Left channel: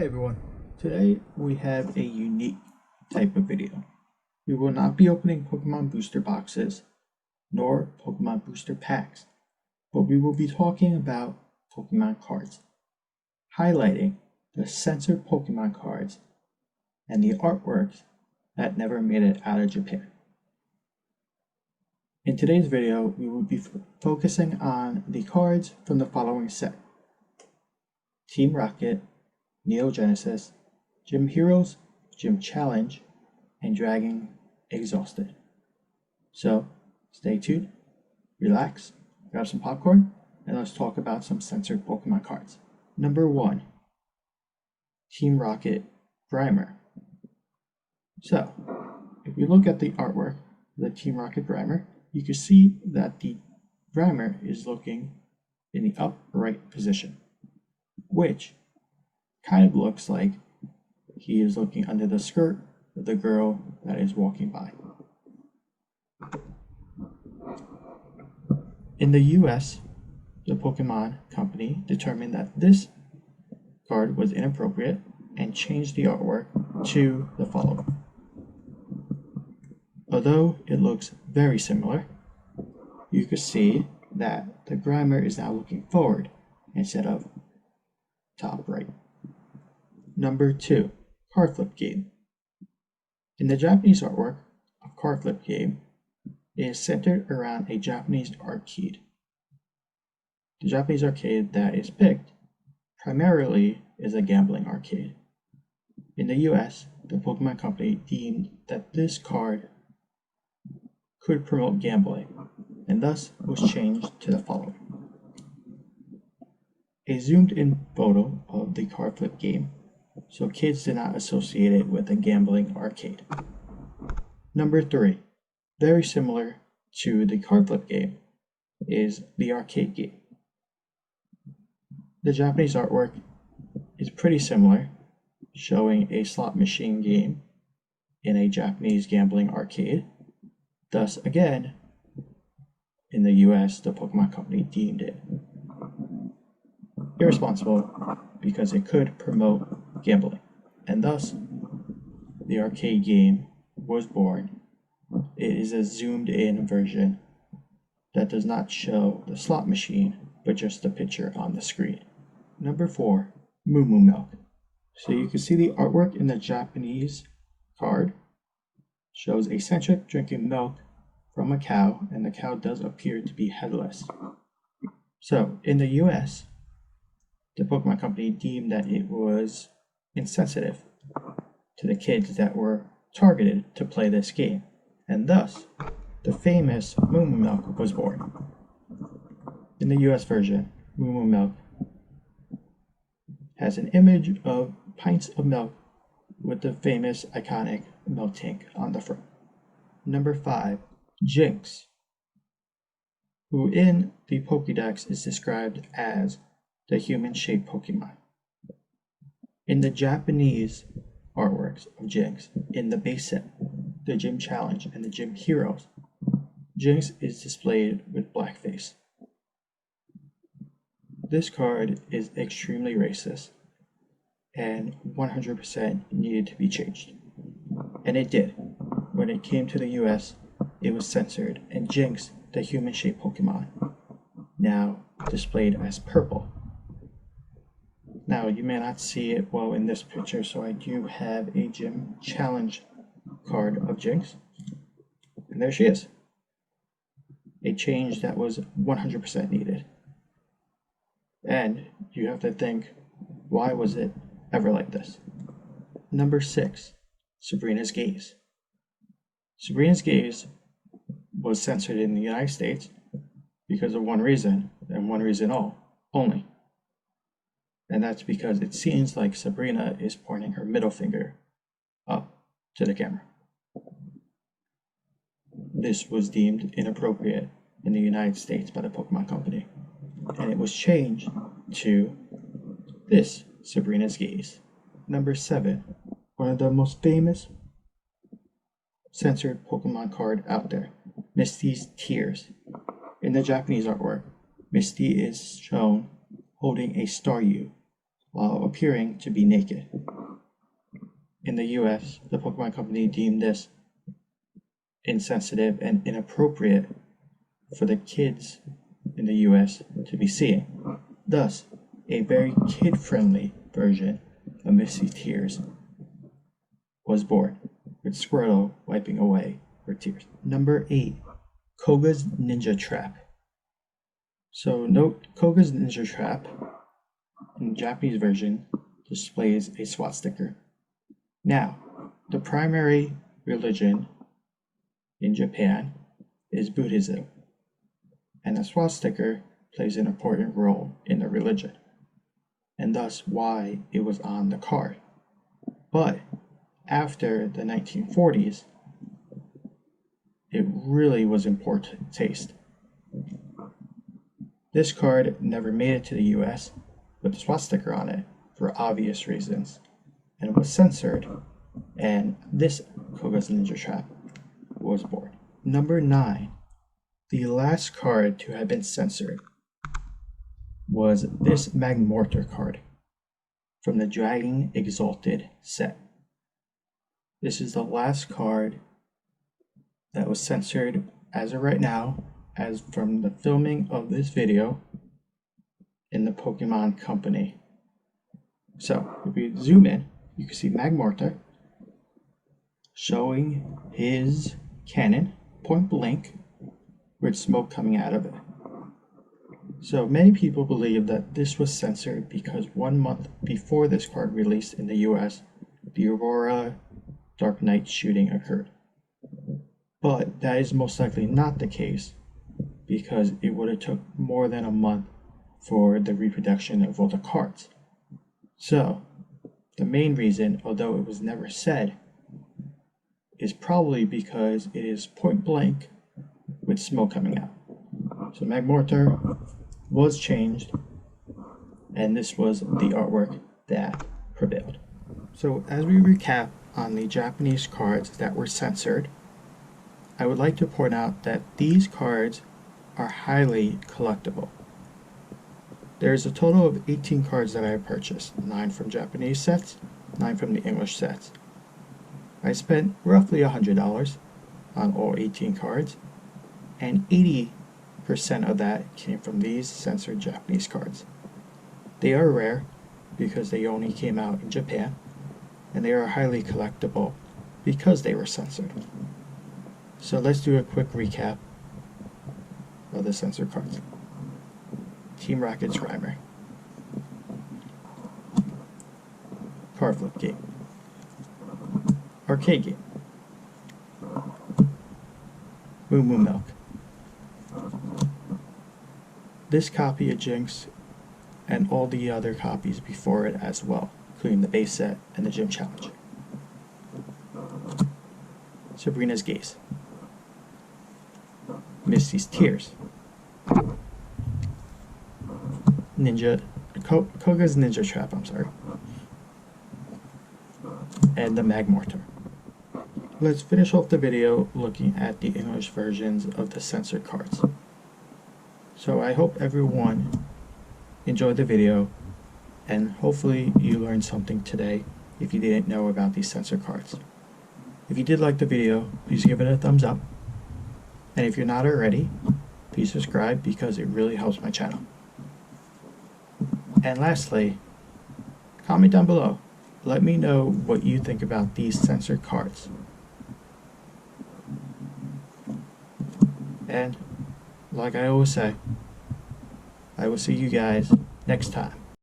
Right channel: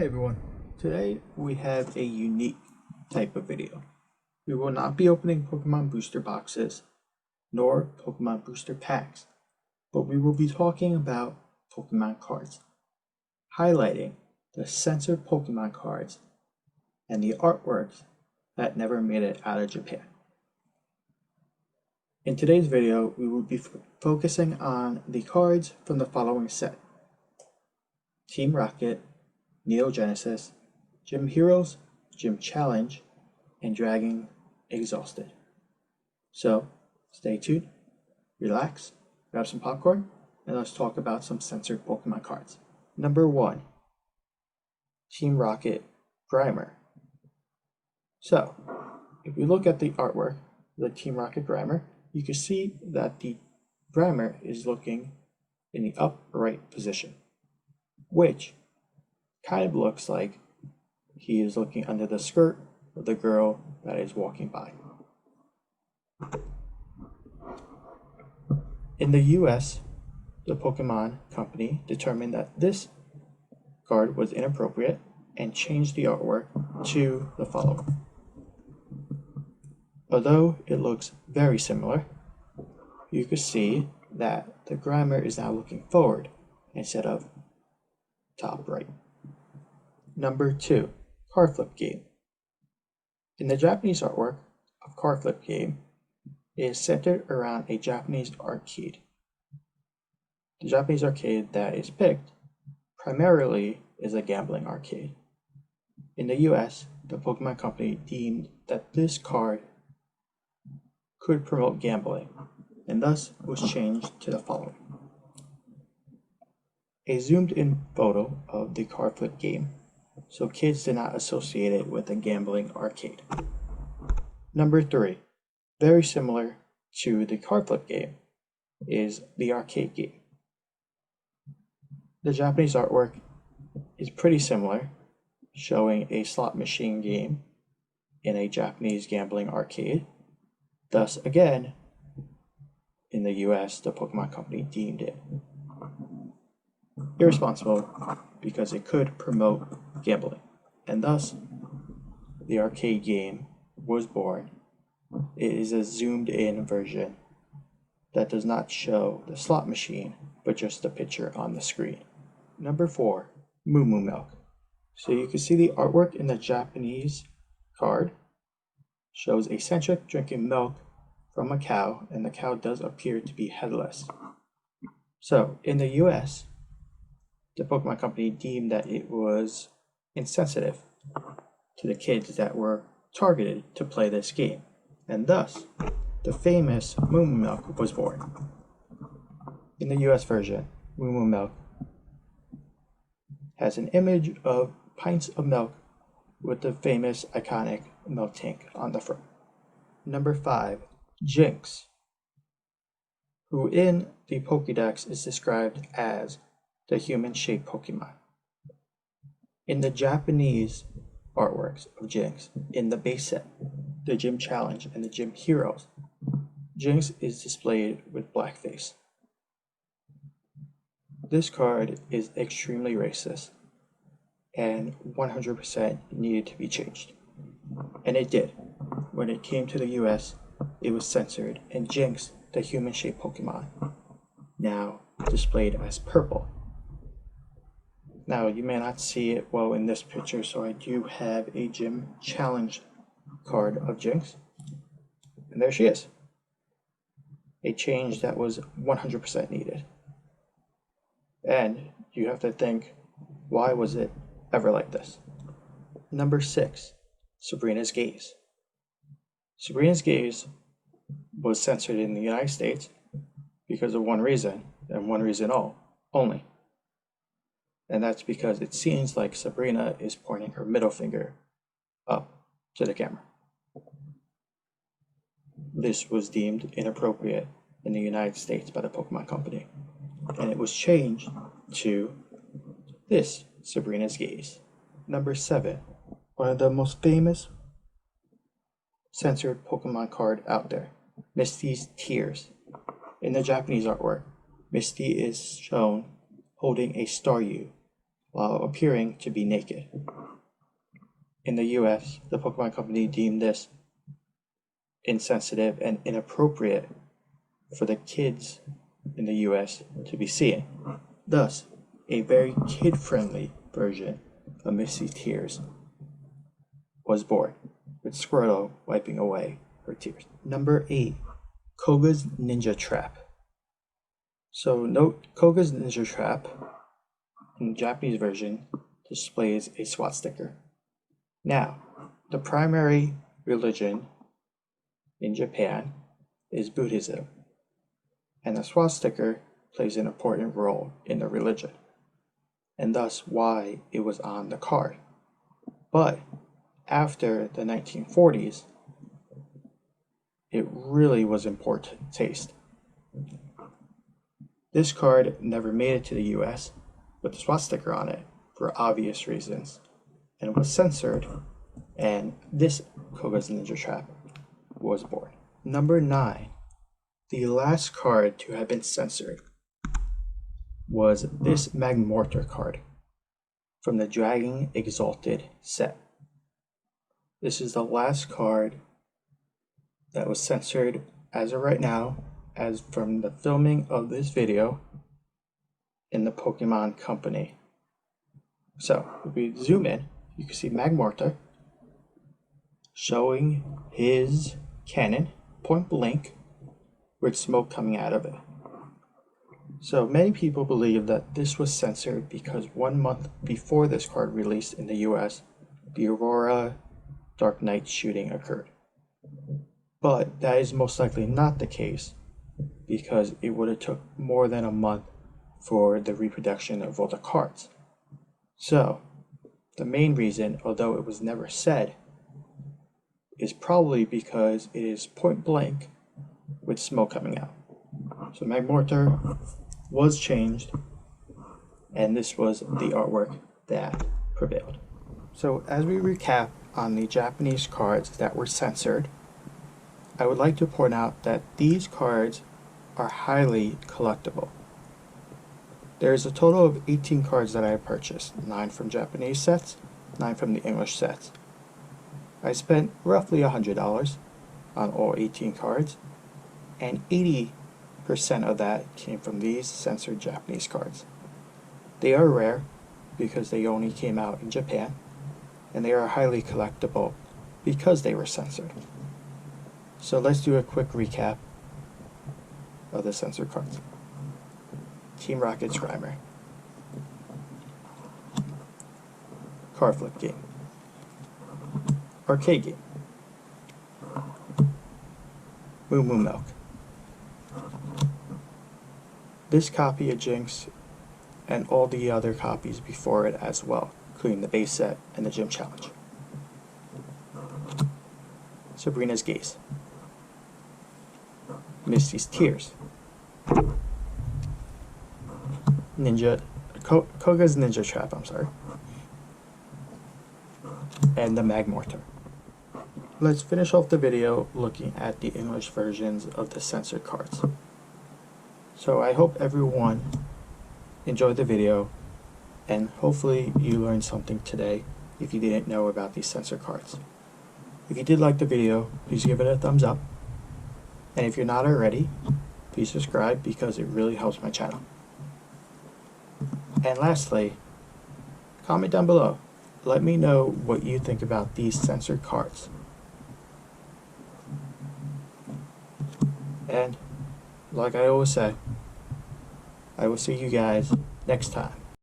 Hey everyone, today we have a unique type of video. We will not be opening Pokemon booster boxes nor Pokemon booster packs, but we will be talking about Pokemon cards, highlighting the censored Pokemon cards and the artworks that never made it out of Japan. In today's video, we will be focusing on the cards from the following set: Team Rocket, Neo Genesis, Gym Heroes, Gym Challenge, and Dragon Exhausted. So, stay tuned, relax, grab some popcorn, and let's talk about some censored Pokemon cards. Number 1, Team Rocket Grimer. So, if we look at the artwork of the Team Rocket Grimer, you can see that the Grimer is looking in the upright position, which kind of looks like he is looking under the skirt of the girl that is walking by. In the US, the Pokemon Company determined that this card was inappropriate and changed the artwork to the following. Although it looks very similar, you can see that the Grimer is now looking forward instead of top right. Number 2, Card Flip Game. In the Japanese artwork of Card Flip Game, it is centered around a Japanese arcade. The Japanese arcade that is picked primarily is a gambling arcade. In the US, the Pokemon Company deemed that this card could promote gambling, and thus was changed to the following. A zoomed in photo of the Card Flip Game, so kids did not associate it with a gambling arcade. Number 3, very similar to the Card Flip Game, is the arcade game. The Japanese artwork is pretty similar, showing a slot machine game in a Japanese gambling arcade. Thus, again, in the US, the Pokemon Company deemed it irresponsible because it could promote gambling, and thus the arcade game was born. It is a zoomed in version that does not show the slot machine but just the picture on the screen. Number 4, Moo Moo Milk. So you can see the artwork in the Japanese card shows a centric drinking milk from a cow, and the cow does appear to be headless. So in the US, the Pokemon Company deemed that it was insensitive to the kids that were targeted to play this game, and thus the famous Moo Moo Milk was born. In the US version, Moo Moo Milk has an image of pints of milk with the famous iconic milk tank on the front. Number 5, Jynx, who in the Pokédex is described as the human-shaped Pokemon. In the Japanese artworks of Jinx, in the base set, the Gym Challenge, and the Gym Heroes, Jinx is displayed with blackface. This card is extremely racist and 100% needed to be changed. And it did. When it came to the US, it was censored, and Jinx, the human-shaped Pokemon, now displayed as purple. Now, you may not see it well in this picture, so I do have a Gym Challenge card of Jinx. And there she is. A change that was 100% needed. And you have to think, why was it ever like this? Number 6, Sabrinas Gays. Sabrinas Gays was censored in the United States because of one reason, and one reason only. And that's because it seems like Sabrina is pointing her middle finger up to the camera. This was deemed inappropriate in the United States by the Pokemon Company, and it was changed to this, Sabrinas Gays. Number 7, one of the most famous censored Pokemon card out there, Misty Tears. In the Japanese artwork, Misty is shown holding a Staryu while appearing to be naked. In the US, the Pokemon Company deemed this insensitive and inappropriate for the kids in the US to be seeing. Thus, a very kid-friendly version of Misty Tears was born, with Squirtle wiping away her tears. Number 8. Koga's Ninja Trap. So note, Koga's Ninja Trap in the Japanese version displays a SWAT sticker. Now, the primary religion in Japan is Buddhism, and the SWAT sticker plays an important role in the religion, and thus why it was on the card. But after the 1940s, it really was in poor taste. This card never made it to the US with the SWAT sticker on it for obvious reasons, and was censored, and this Koga's Ninja Trap was born. Number 9. The last card to have been censored was this Magmortar card from the Dragon Exalted set. This is the last card that was censored as of right now, as from the filming of this video in the Pokemon Company. So, if we zoom in, you can see Magmortar showing his cannon point blank with smoke coming out of it. So many people believe that this was censored because 1 month before this card released in the US, the Aurora Dark Knight shooting occurred. But that is most likely not the case, because it would have took more than a month for the reproduction of all the cards. So the main reason, although it was never said, is probably because it is point blank with smoke coming out. So Magmortar was changed, and this was the artwork that prevailed. So as we recap on the Japanese cards that were censored, I would like to point out that these cards are highly collectible. There is a total of 18 cards that I have purchased, 9 from Japanese sets, 9 from the English sets. I spent roughly $100 on all 18 cards, and 80% of that came from these censored Japanese cards. They are rare because they only came out in Japan, and they are highly collectible because they were censored. So let's do a quick recap of the censored cards. Team Rocket Scrymer, Card Flip Game, Arcade Game, Moo Moo Milk. This copy of Jinx and all the other copies before it as well, including the base set and the Gym Challenge. Sabrinas Gays, Misty Tears, Koga's Ninja Trap, and the Magmortar. Let's finish off the video looking at the English versions of the censored cards. So I hope everyone enjoyed the video, and hopefully you learned something today if you didn't know about these censored cards. If you did like the video, please give it a thumbs up, and if you're not already, please subscribe because it really helps my channel. And lastly, comment down below. Let me know what you think about these censored cards. And like I always say, I will see you guys next time.